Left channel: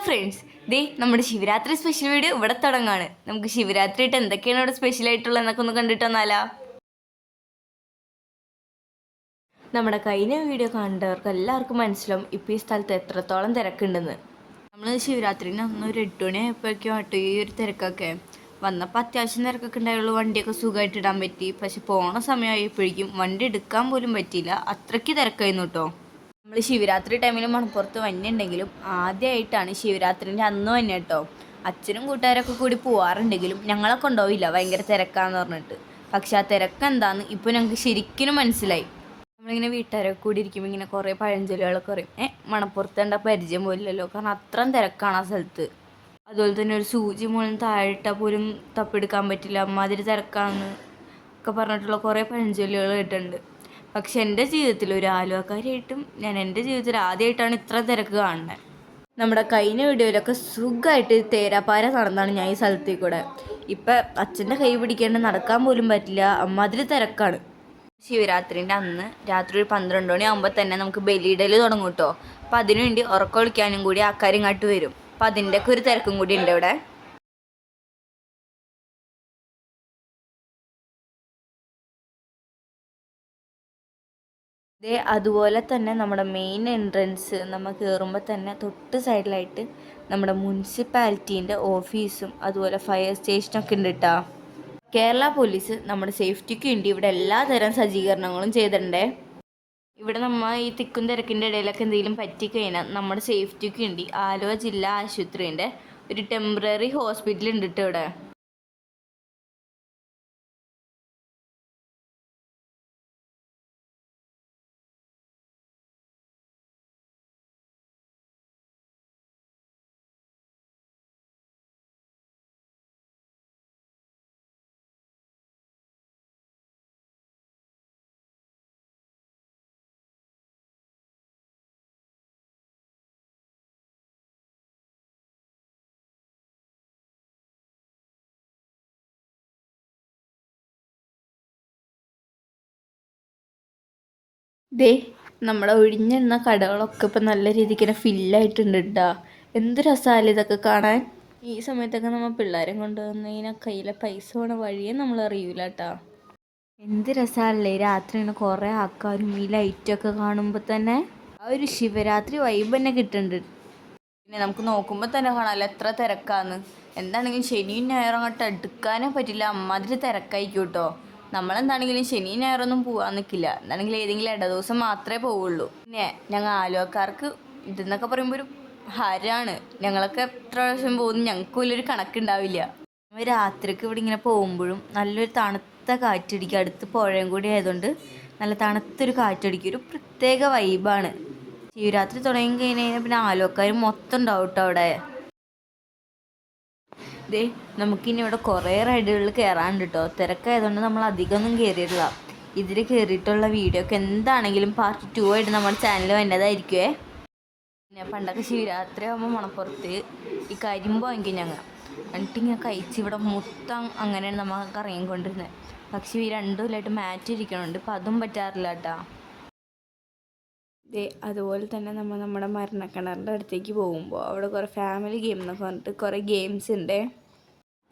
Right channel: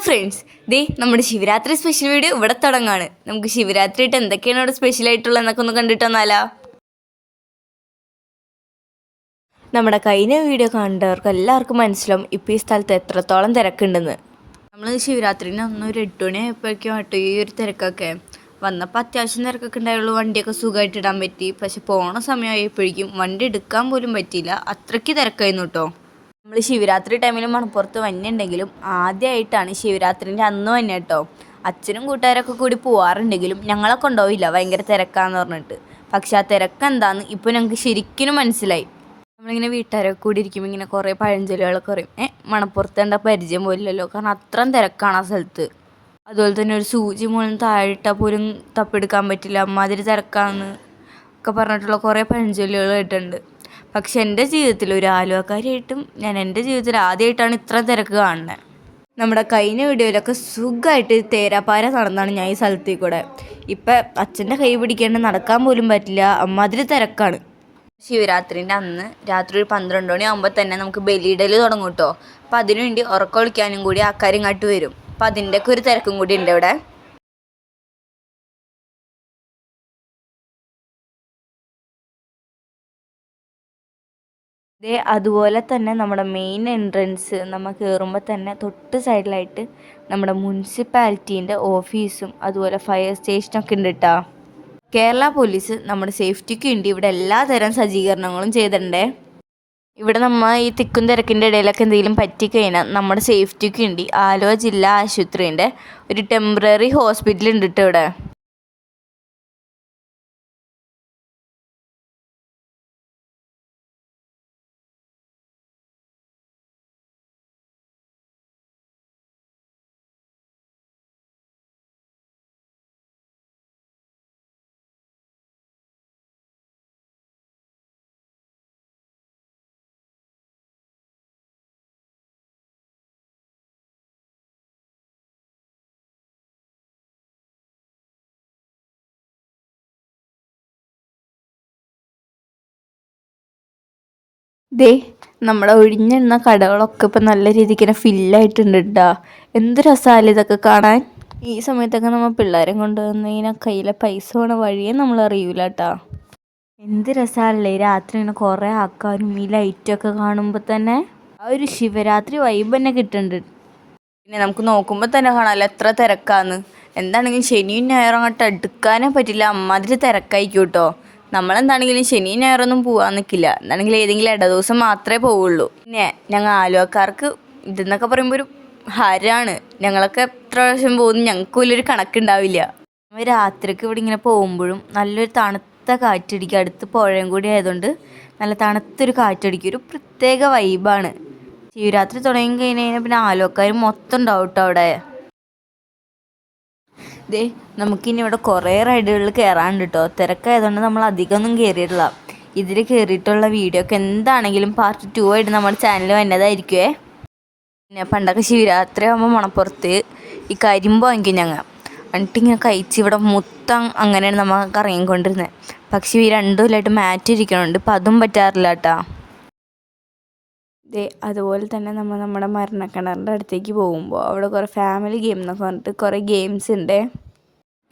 Hello friends, നമ്മുടെ Shivaratri special video ഇവിടെ തുടങ്ങാണ്. നമുക്ക് ശിവരാത്രി ആയിട്ട് എന്തൊക്കെയാണ് ഇവിടെ സ്പെഷ്യൽ ആയിട്ടുള്ളത് എന്നൊക്കെ ഒന്ന് കണ്ടിട്ട് വന്നാലാ. നമ്മുടെ കഴിഞ്ഞ വീഡിയോ കണ്ടവർക്ക് എല്ലാവർക്കും മനസ്സിലാവും ഇപ്പോൾ ഈ സ്ഥലത്ത് എത്രത്തോളം തിരക്കുണ്ടെന്ന്. നമ്മൾ ശിവരാത്രിന് അന്ന് ഒരു 8 മണി ആയപ്പോഴേക്കും ആട്ടോ ഈ ഒരു തിരക്കൊക്കെ വന്നപ്പോൾ അത്യാവശ്യം തിരക്കൊക്കെ ഉണ്ടായുള്ളൂ. വണ്ടിയൊക്കെ സുഖമായിട്ട് ഇടാൻ പറ്റി. പക്ഷെ പോണ സമയമായപ്പോഴേക്കും വണ്ടി എടുക്കാൻ പോലും പറ്റിയില്ല, അത്രയ്ക്ക് തിരക്കായിരുന്നു കേട്ടോ. നമ്മൾ ശിവരാത്രി ടൈമിൽ മണപ്പുറത്ത് വന്നിട്ടുണ്ടെങ്കിലും ആദ്യമായിട്ടാണ് ശിവരാത്രിൻ്റെ അന്ന് വന്നെ കേട്ടോ. അച്ഛനും കൂട്ടുകാരൊക്കെ കൂടി പോവാറുണ്ടെങ്കിലും ഞങ്ങളെ കൊണ്ടുപോയില്ല, ഭയങ്കര തിരക്കാന്ന് പറഞ്ഞിട്ട്. പക്ഷെ ആ തിരക്ക് എന്താന്ന് ഇപ്പോൾ ഞങ്ങൾക്ക് ശരിക്കും മനസ്സിലായി. നമ്മളിങ്ങനെ വീട്ടുകാരൊക്കെ കൂടി ഇരിക്കുമ്പോൾ ഇങ്ങനെ കുറേ പഴഞ്ചൊല്ലുകളൊക്കെ പറയും. മണപ്പുറത്ത് കണ്ട പരിചയം പോലില്ലല്ലോ, കാരണം അത്രയും തിരക്കാണ് ആ സ്ഥലത്ത്. അതുപോലെ തന്നെ ഒരു സൂചി മൂലം താഴിട്ടാൽ പോലും തപ്പെടുക്കാൻ പറ്റില്ല, അമ്മാതിരി തിരക്കാന്ന് ഒക്കെ പറഞ്ഞിട്ടുള്ള കുറേ പഴഞ്ചൊല്ലുകൾ കേട്ടിട്ടുണ്ട്. പക്ഷെ എൻ്റെ ജീവിതത്തിൽ ഒരു ആലുവക്കാരിയായിട്ടും ഞാൻ എൻ്റെ ജീവിതത്തിൽ ആദ്യമായിട്ടാണ് ഇത്ര തിരക്ക് കാണുന്നത്. നമ്മുടെ കഴിഞ്ഞ വീഡിയോയിലൊക്കെ സുഖമായിട്ട് തേരാപ്പാര നടന്നാണ് ഞാൻ ഈ സ്ഥലത്തേക്ക് കൂടെ. ഇപ്പം അച്ഛൻ്റെ കൈ പിടിക്കേണ്ട നടക്കാൻ പോലും പറ്റില്ല, അമ്മാതിരി തിരക്കാണ്. ശിവരാത്രിൻ്റെ അന്ന് രാത്രി ഒരു 12 മണി ആകുമ്പോൾ തന്നെ നമുക്ക് ബലിയിടൽ തുടങ്ങും കേട്ടോ. അപ്പം അതിനുവേണ്ടി ഉറക്കൊളിക്കാനും കൂടി ആൾക്കാർ ഇങ്ങോട്ട് വരും. അപ്പം അതിൻ്റെയൊക്കെ ഒരു തിരക്കും കൂടി ഉണ്ട് ഇവിടെ. അതുപോലെ തന്നെ നമ്മുടെ മെയിൻ എൻട്രൻസ് നമ്മൾ കയറുമ്പോൾ തന്നെ തൊട്ട് സൈഡിലായിട്ട് നമ്മുടെ മുനിസിപ്പാലിറ്റീൻ്റെ ഓഫീസും അതുപോലെ ഫയർ സ്റ്റേഷനൊക്കെ ഉണ്ട് കേട്ടോ. കേരള പോലീസ് നമ്മുടെ സേഫ്റ്റിക്ക് വേണ്ടി ഇവിടെ എല്ലാതരം സജ്ജീകരണങ്ങളും ചെയ്തിട്ടുണ്ടേ. ഇവിടെ നമ്മൾ ഈ തിക്കും തിരക്കിൻ്റെ ഇടയിലൊക്കെ എന്തെങ്കിലും പറ്റിക്കഴിഞ്ഞാൽ നമ്മുടെ സേഫ്റ്റിക്ക് വേണ്ടി ആലുവ ജില്ലാ ആശുപത്രീൻ്റെ ഒരു ടെമ്പററി ഹോസ്പിറ്റൽ ഉണ്ട് കേട്ടോ ഇവിടെ. നമ്മുടെ ഒഴിഞ്ഞെണ്ണ കടകളൊക്കെ ഇപ്പം നല്ല രീതിക്ക് തന്നെ ഫില്ലായിട്ടുണ്ട് കേട്ടോ. എന്ത് രസമല്ലേ ഇതൊക്കെ കാണാൻ. ഈ സമയത്തൊക്കെ നമ്മൾ പിള്ളേരെ കൊണ്ടുവന്നതിനാൽ കയ്യിലെ പൈസ പോണ വഴിയേ നമ്മൾ അറിയൂല കേട്ടോ. എന്ത് രസമല്ലേ രാത്രി ഇങ്ങനെ കുറേ ആൾക്കാരും ഈ ലൈറ്റൊക്കെ കാണുമ്പോൾ തന്നെ ആ ഒരു ശിവരാത്രി വൈബ് തന്നെ കിട്ടുന്നുണ്ട്. പിന്നെ നമുക്ക് നോക്കുമ്പോൾ തന്നെ കാണാമല്ലോ എത്ര തിരക്കാന്ന്. എന്താണെങ്കിലും ശനിയും ഞായറും അങ്ങോട്ട് എടുക്കാനേ പറ്റില്ല, അമ്മാതിരി തിരക്കായിരിക്കും കേട്ടോ. നമ്മളെന്താണെങ്കിലും ശനിയും ഞായറൊന്നും പോകാൻ നിൽക്കില്ല, എന്താണെങ്കിലും ഏതെങ്കിലും ഇട ദിവസം മാത്രമേ പോവുള്ളൂ. പിന്നെ ഞങ്ങൾ ആലുവക്കാർക്ക് ഇതെന്നൊക്കെ പറയുമ്പോൾ ഒരു ഹരമാണ്. ഞങ്ങളൊക്കെ എത്ര പ്രാവശ്യം പോകുന്നു ഞങ്ങൾക്ക് വലിയൊരു കണക്കുണ്ടാവില്ല. നമ്മൾ രാത്രിക്ക് ഇവിടെ ഇങ്ങനെ പോകുമ്പോഴും നല്ലൊരു തണുത്ത കാറ്റടിക്കും. അടുത്ത് പുഴയും കൂടി ആയതുകൊണ്ട് നല്ല തണുത്തൊരു കാറ്റടിക്കും, ഒരു പ്രത്യേക വൈബാണ്. ശിവരാത്രി തുടങ്ങി കഴിഞ്ഞാൽ പിന്നെ ആലുവക്കാർ മൊത്തം ഉണ്ടാവും കേട്ടോ അവിടെ. നമുക്കിനി ഇവിടെ കുറേ റൈഡുകളിൽ കയറാനുണ്ട് കേട്ടോ. തിരക്കായതുകൊണ്ട് നമ്മൾ അധികമൊന്നും കയറിയിട്ടില്ല. ഇതിൽ കയറിയിട്ടുള്ള വീഡിയോ ഒക്കെ എന്താണെങ്കിലും പാർട്ട് 2 ആയിട്ട് നമ്മുടെ ചാനൽ വന്നതായിരിക്കുമേ. പിന്നെ പണ്ടൊക്കെ ശിവരാത്രി ആകുമ്പോൾ മണപ്പുറത്ത് ഈ കരിമ്പ് വാങ്ങിക്കും ഞങ്ങൾ. എന്നിട്ടിങ്ങനെ കഴിച്ച് ഇവിടെ മൊത്തം അങ്ങനെയാണ് നമ്മൾ കറങ്ങിക്കൊണ്ടിരുന്നത്. പക്ഷേ ഈ 2 കൊല്ലമായിട്ട് മാറ്റി ഇരിക്കണുണ്ട്, ഇപ്പം അതും പറ്റാറില്ല കേട്ടോ. അതുപോലെ തന്നെ നമ്മുടെ മരണക്കിണറിൻ്റെ അടുത്തേക്ക് പോകുമ്പോൾ അവിടെ കുറേ ഫാമിലി ഗെയിം എന്നൊക്കെ പറഞ്ഞിട്ട് കുറേ ഗെയിംസ് ഉണ്ട്.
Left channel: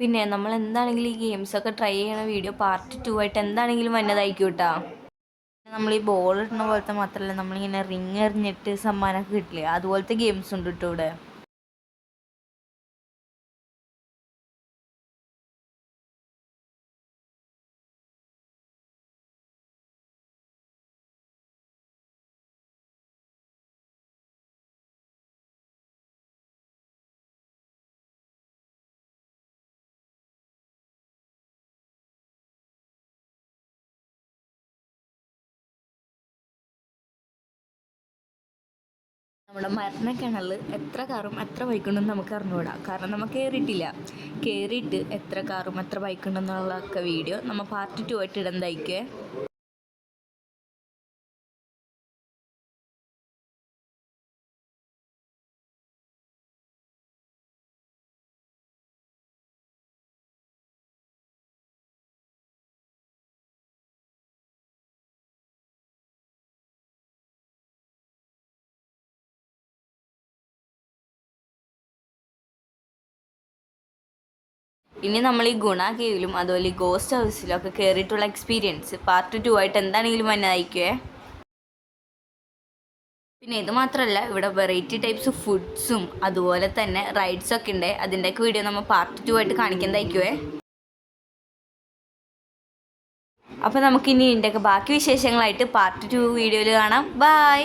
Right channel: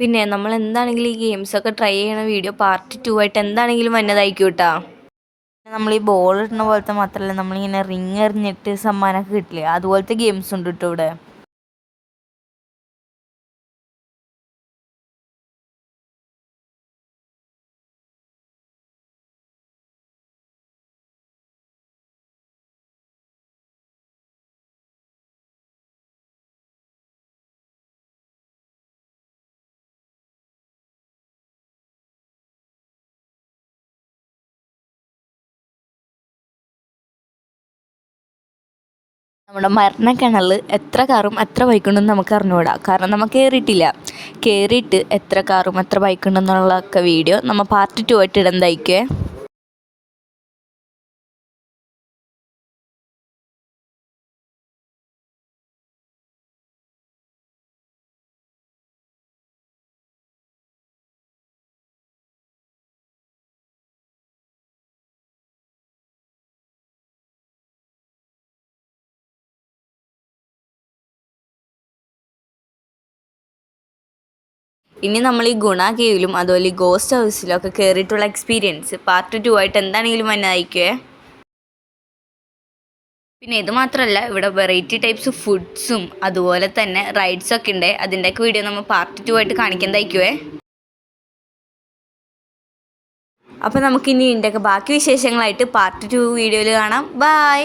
പിന്നെ നമ്മൾ എന്താണെങ്കിലും ഈ ഗെയിംസൊക്കെ ട്രൈ ചെയ്യണ വീഡിയോ പാർട്ട് 2 ആയിട്ട് എന്താണെങ്കിലും വന്നതായിരിക്കും കേട്ടോ. നമ്മൾ ഈ ബോൾ ഇടുന്ന പോലത്തെ മാത്രമല്ല, നമ്മളിങ്ങനെ റിങ് എറിഞ്ഞിട്ട് സമ്മാനമൊക്കെ കിട്ടില്ലേ, അതുപോലത്തെ ഗെയിംസ് ഉണ്ട് കേട്ടോ ഇവിടെ. നമ്മുടെ മരണക്കിണറിൽ എത്ര കാറും എത്ര ബൈക്കുണ്ടെന്ന് നമുക്ക് അറിഞ്ഞുകൂടാ, കാരണം നമ്മൾ കയറിയിട്ടില്ല. കയറിയിട്ട് എത്ര കാറും എത്ര ബൈക്കുണ്ടെന്നുള്ളതൊക്കെ വീഡിയോ നമ്മൾ പാർട്ട് 2 ആയിട്ട് ഇടുന്നതായിരിക്കുമേ. ഇനി നമ്മൾ ഈ ഗുണ കേവിലും അതുപോലെ ഈ ഗോസ്റ്റ് ഹൗസിലും ഒക്കെ കയറിയിട്ടുള്ള എക്സ്പീരിയൻസ് പാർട്ട് 2 ആയിട്ട് എന്താണെങ്കിലും എന്നെ അയക്കുവേ. പിന്നെ ഇത് മാത്രമല്ല, ഇവിടെ വെറൈറ്റി ടൈപ്സ് ഫുഡ്സും അതുപോലെ തന്നെ റൈഡ്സൊക്കെ ഉണ്ട്. അതിൻ്റെയൊക്കെ വീഡിയോ നമ്മൾ പാർട്ട് 2 ആയിട്ട് കാണിക്കുന്നതായിരിക്കുവേ. അപ്പോൾ നമുക്കിനി ഇതിൻ്റെയൊക്കെ ബാക്കി വിശേഷങ്ങളായിട്ട് പാർട്ട് 2 വീഡിയോയിൽ കാണാം. ബൈ.